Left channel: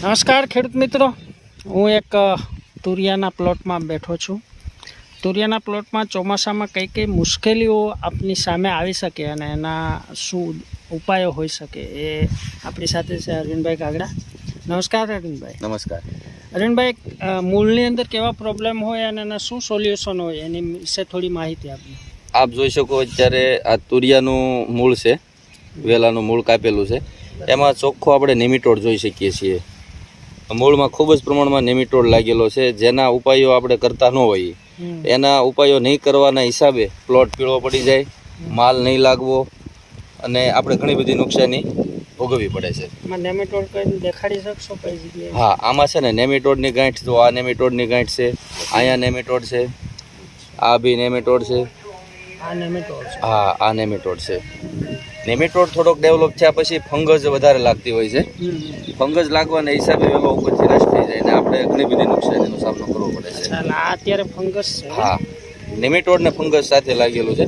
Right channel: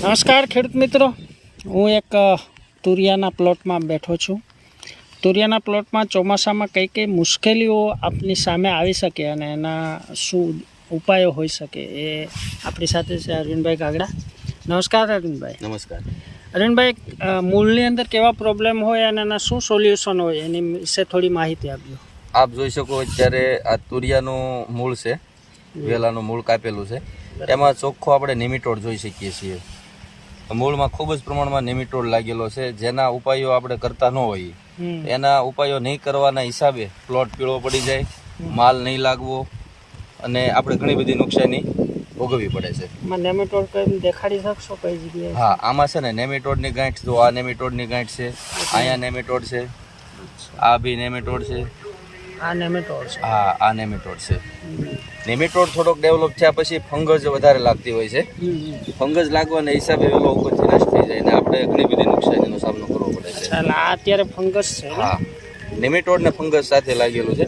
નમસ્કાર ખેડૂત મિત્રો, હું એક તુરિયાના પ્લોટમાં બેઠો છું. તુરિયાના પ્લોટમાં ચોમાસામાં કઈ કઈ મુશ્કેલીઓ આપની સામે આવી શકે અને એના શું ઉપાયો હોઈ શકે એ આપણી સાથે છે અરવિંદભાઈ કાગડા. નમસ્કાર અરવિંદભાઈ. નમસ્કાર અરવિંદભાઈ, મૂળની અંદર કેવા પ્રોબ્લેમ હોય અને એના શું સોલ્યુશન હોય એની વિશે થોડી માહિતી આપજો. આપ જોઈ શકો અત્યારે આ તુરિયાનું મૂળ છે, વેલાનું મૂળ કાપેલું છે. એમાં ચોખ્ખો આપણે નેમિટોડ જોઈ શકીએ છીએ. મૂળમાં ખૂબ જ પ્રમાણમાં નેમિટોડ લાગેલો છે. જેના ઉપાયો આપણે કરતા ન હોઈએ, એના ઉપાયો નહીં કરવાના હિસાબે પ્લોટ પીળો પડી જાય, માલ નહીં લાગવો અને આપણે ઘણી બધી નુકસાની ભોગવવી પડે છે. નેમિટોડ કઈ દેખાડી શકશો કઈ જગ્યાએ? હા, આમાં છે ને નેમિટોડની ગાંઠ જો, આ નેમિટોડની ગાંઠ છે, અહીંયા નેમિટોડ છે, આ બી નેમિટોડ છે, આ નેમિટોડ છે. હા, આ નેમિટોડ છે. નેમિટોડ થોડોક ડેવલપ થયા પછી ફંગસ વધારે લાગતી હોય છે. ફંગસ લાગવાના હિસાબે વેલો ઉપરથી નષ્ટ થઈ જાય અને આપણે ઘણી બધી નુકસાનીનો સામનો કરવો પડે છે. ચાલ, આ અત્યારે ફંગસ છે. હા, નેમિટોડ ને ફંગસ સાથે લાગેલું છે.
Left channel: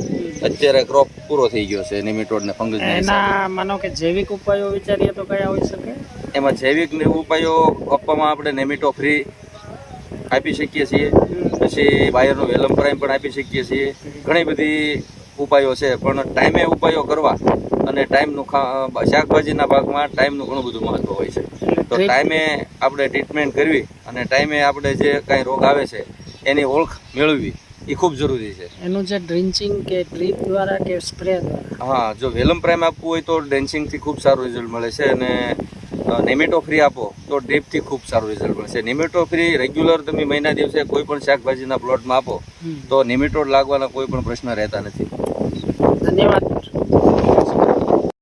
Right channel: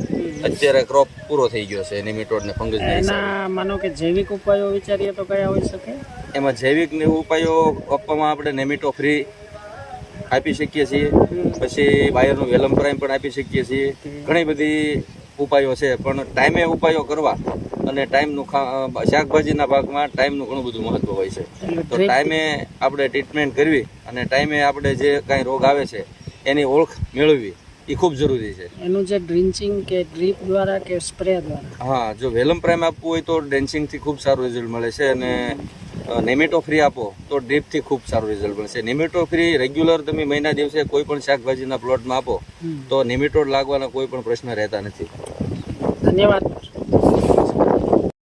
અત્યારે ક્રોપ પૂરો થઈ ગયો છે નેમિટોડ ને ફંગસ. એના માનો કે જૈવિક ઉપાયો વિચારીએ તો કયા હોઈ શકે? એમાં જૈવિક ઉપાયો આપવામાં આપણે નેમિટો ફ્રી આપી શકીએ છીએ, પછી બાયરનું વેલમ પ્રાઇમ પણ આપી શકીએ છીએ. ઘણી બધી ઉપાયો છે, પણ ટાઈમે ઉપાયો કરવા અને ટાઈમનું શાકભાજીના પાકમાં ટાઈમનું ઘણું બધું મહત્વ હોય છે. તો ટાઈમે આપણે ટ્રીટમેન્ટ કરવી અને ટાઈમે આપણે જે કાંઈ રોગ આવે છે એની ઓળખ મેળવવી એ ખૂબ જરૂરી છે. એનું જે ડ્રિન્ચિંગ કે ડ્રીપ દ્વારા કે સ્પ્રે દ્વારા? હા, જો વેલમ પ્રાઇમ આપવું હોય તો ડ્રેન્ચિંગથી ખૂબ સારું રિઝલ્ટ મળે છે અને નેમિટો ફ્રી આપો તો ડ્રીપથી ખૂબ સારું રિઝલ્ટ મળે છે. નેમિટો ફ્રી રેગ્યુલર તમે મહિના દિવસે કોઈ પણ શાકભાજીના પ્લોટમાં આપો તો નેમિટોડ લાગવાના કોઈ પણ પ્રશ્ન રહેતા નથી. ધન્યવાદ.